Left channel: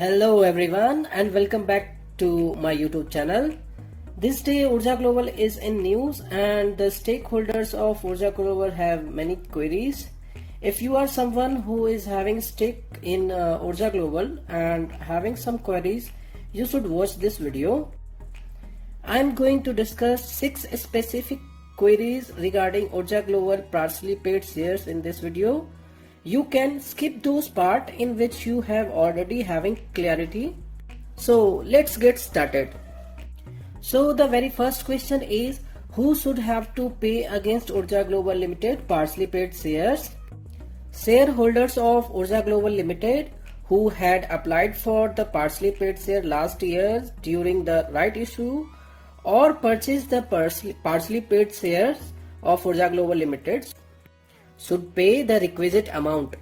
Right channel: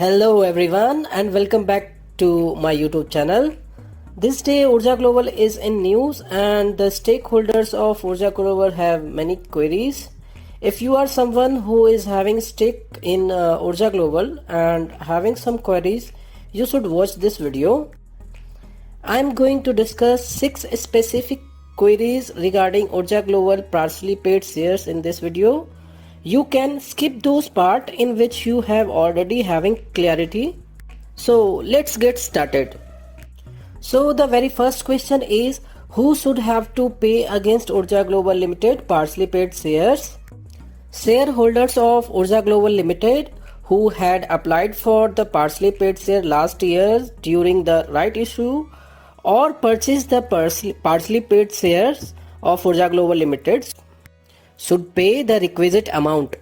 Hello everyone and welcome back to my YouTube channel. This day Urja Global is in news and the stakeholders of Urja Global have many queries. If you are someone who is having stake in Urja Global and having some queries, you should watch this video. I am going to discuss 6 specific queries regarding Urja Global partially paid shares in this video. You can skip those part in which you have already having clarity. So let's get started. So the very first question is, who should have to pay against Urja Global Limited partially paid shares? Shareholders of Urja Global Limited who had applied for the partially paid share last year during the right issue or purchased the partially paid shares of Urja Global Limited should pay the requisite amount.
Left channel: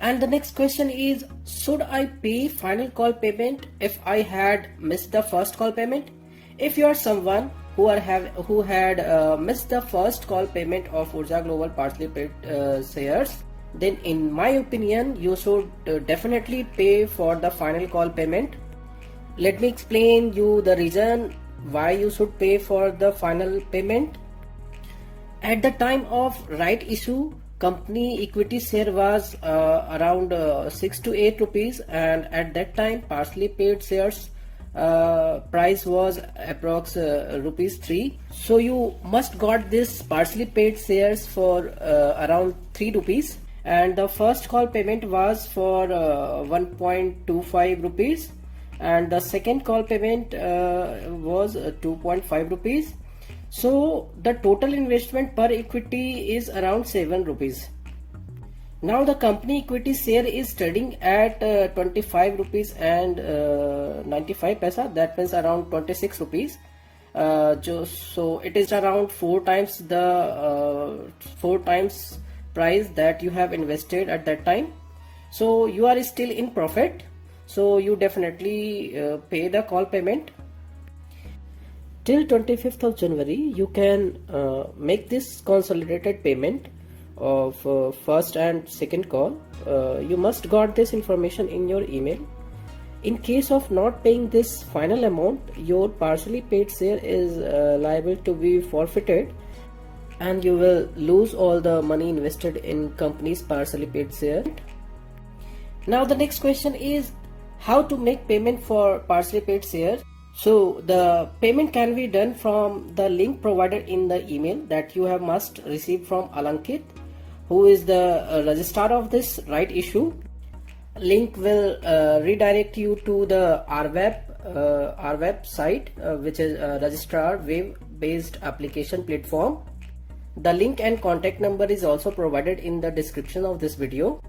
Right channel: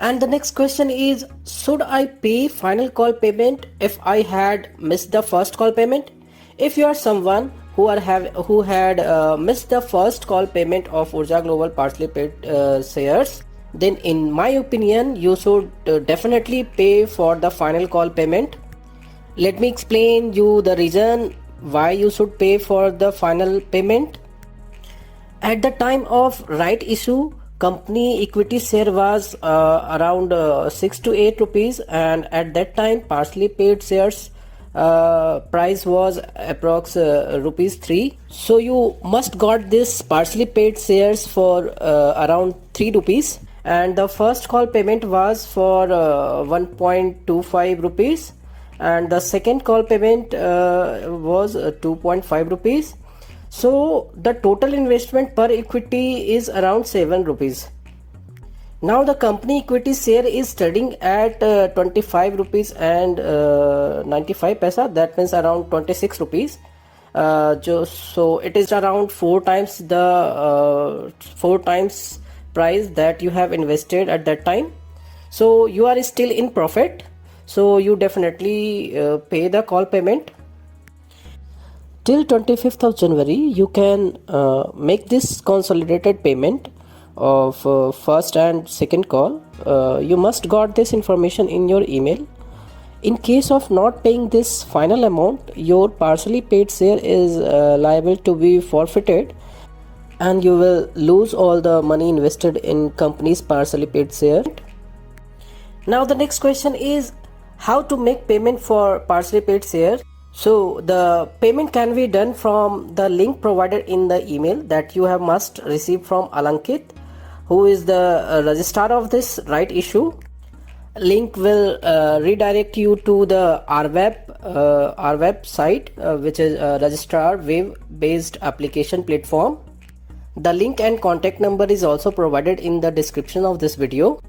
And the next question is, should I pay final call payment if I had missed the first call payment? If you are someone who had missed the first call payment of Urja Global partially paid shares, then in my opinion you should definitely pay for the final call payment. Let me explain you the reason why you should pay for the final payment. At the time of right issue, company equity share was around 6 to 8 rupees, and at that time partially paid shares price was approx rupees 3. So you must got this partially paid shares for around 3 rupees, and the first call payment was for 1.25 rupees and the second call payment was 2.5 rupees. So the total investment per equity is around 7 rupees. Now the company equity share is trading at 25 rupees and 95 paisa, that means around 26 rupees. So it is around 4 times the 4 times price that you have invested at that time. So you are still in profit, so you definitely pay the call payment. Till 25th of January, you can make this consolidated payment of first and second call. You must got this information in your email. In case of not paying this final amount, your partially paid share is liable to be forfeited and you will lose all the money invested in company's partially paid share. Now the next question is, how to make payment for partially paid share? So the payment can be done from the link provided in the email that you have must receive from ALANKIT, who is the registrar of this right issue. Link will redirect you to the RWeb site, which is a registrar web based application platform. The link and contact number is also provided in the description of this video.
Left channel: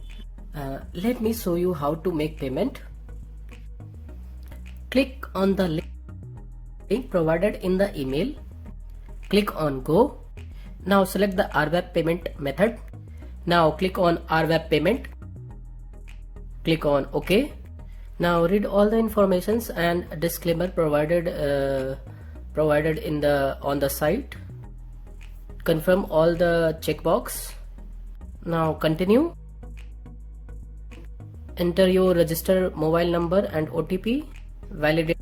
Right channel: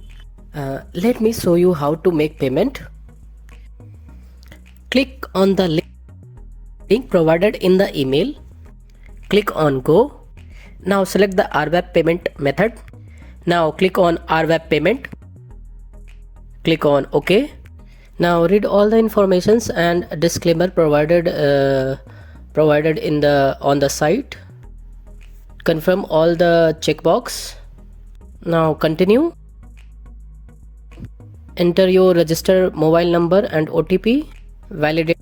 Let me show you how to make payment. Click on the link provided in the email. Click on Go. Now select the RWeb payment method. Now click on RWeb payment. Click on OK. Now read all the informations and disclaimer provided on the site. Confirm all the checkbox. Now continue. Enter your registered mobile number and OTP. Validate.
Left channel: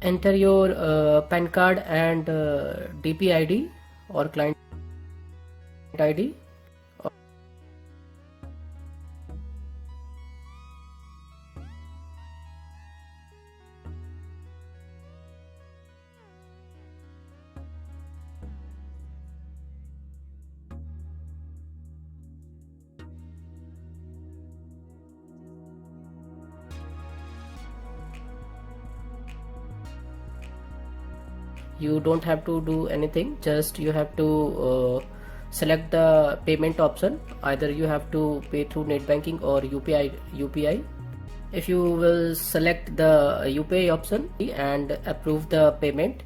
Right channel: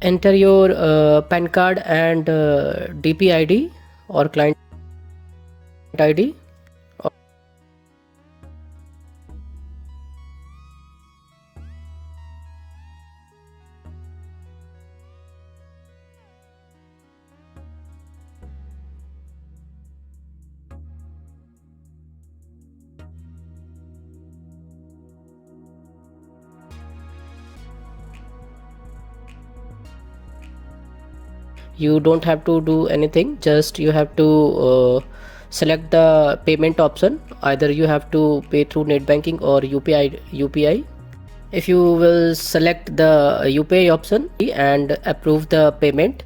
Enter your PAN card and DP ID or client ID. You don't have to do anything, just you have to select the payment option. Either you have to pay through net banking or UPI. If you will select the UPI option and approve the payment,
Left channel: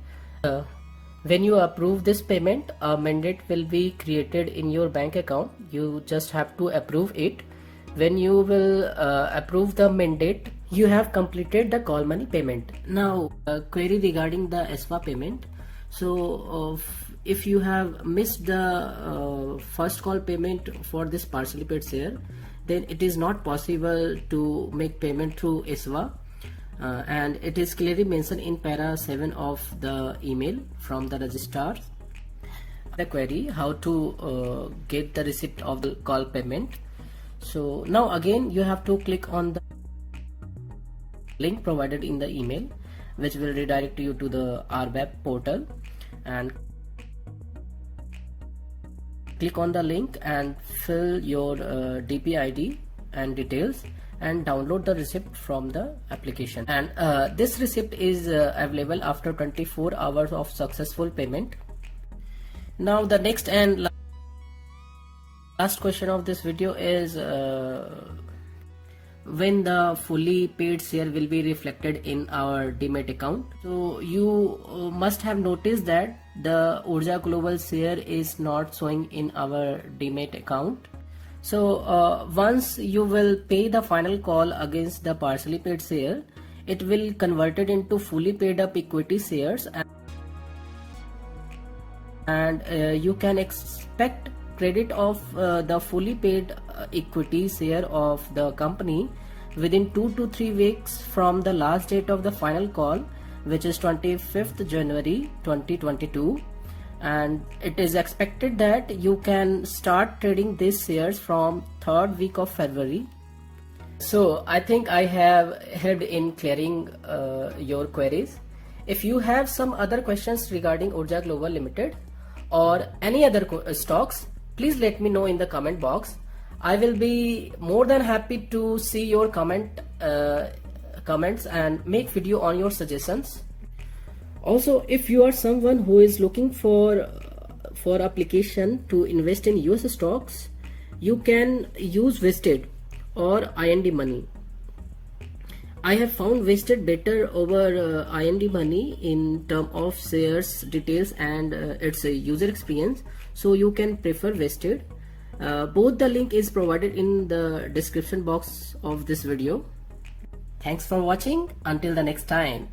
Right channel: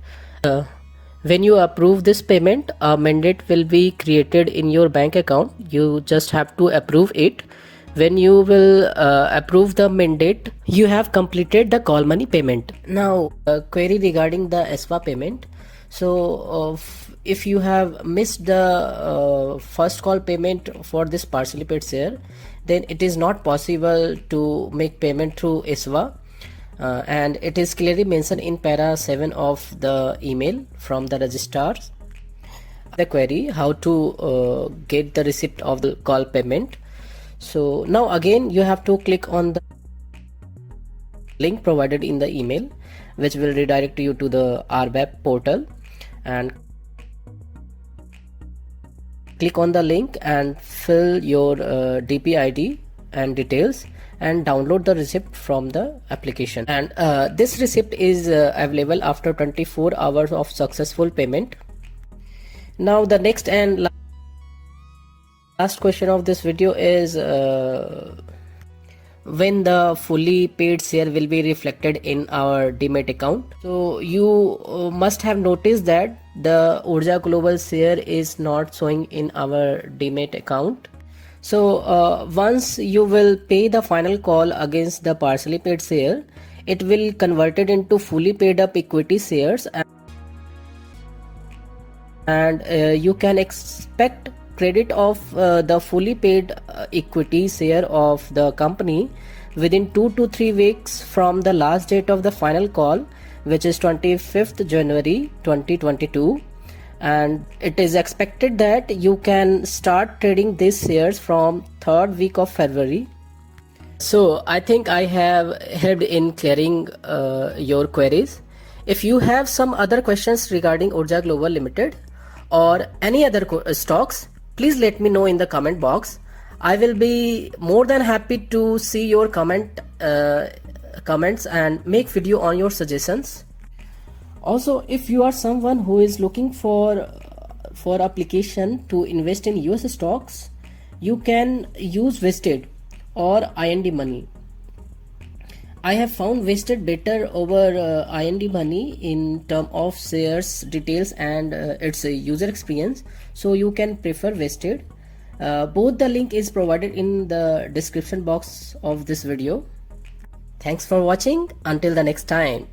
when you approve this payment, a mandate will be created in your bank account. You just have to approve it. When you will approve the mandate, you have completed the call money payment. Now query regarding the ASBA payment. So if you have missed the first call payment for this partially paid share, then it is not possible to make payment through ASBA. And it is clearly mentioned in para 7 of the email from the registrar. The query how to get the receipt of the call payment. So now again you have to click on the link provided in the email, which will redirect you to the RBAP portal, and click on the link and fill your DP ID and details and download the receipt from the application. And this receipt is available after 24 hours of successful payment. Now the next and last question of this video is when the fully paid share will be reflected in our Demat account. So you must have noticed that the Urja Global share is not showing in our Demat account. So once you will pay the final call against the partially paid share, it will convert it into fully paid up equity shares, and you can expect credit of the fully paid equity share of the company within 2 to 3 weeks from the last date of the final call, which is 25th January 2022. And it is expected that you can start trading these shares from 3rd week of February. So I think I have helped in clearing your queries. If you have some other questions regarding Urja Global Limited or any other stocks, please let me know in the comment box. I will be more than happy to see your comments and make video on your suggestions. Also, if you are someone who is looking for application to invest in US stocks, you can use Vested or IND Money. I have found Vested better over IND Money in terms of shares details and its user experience, so you can prefer Vested. Both the link is provided in the description box of this video. Thanks for watching. Until the next time.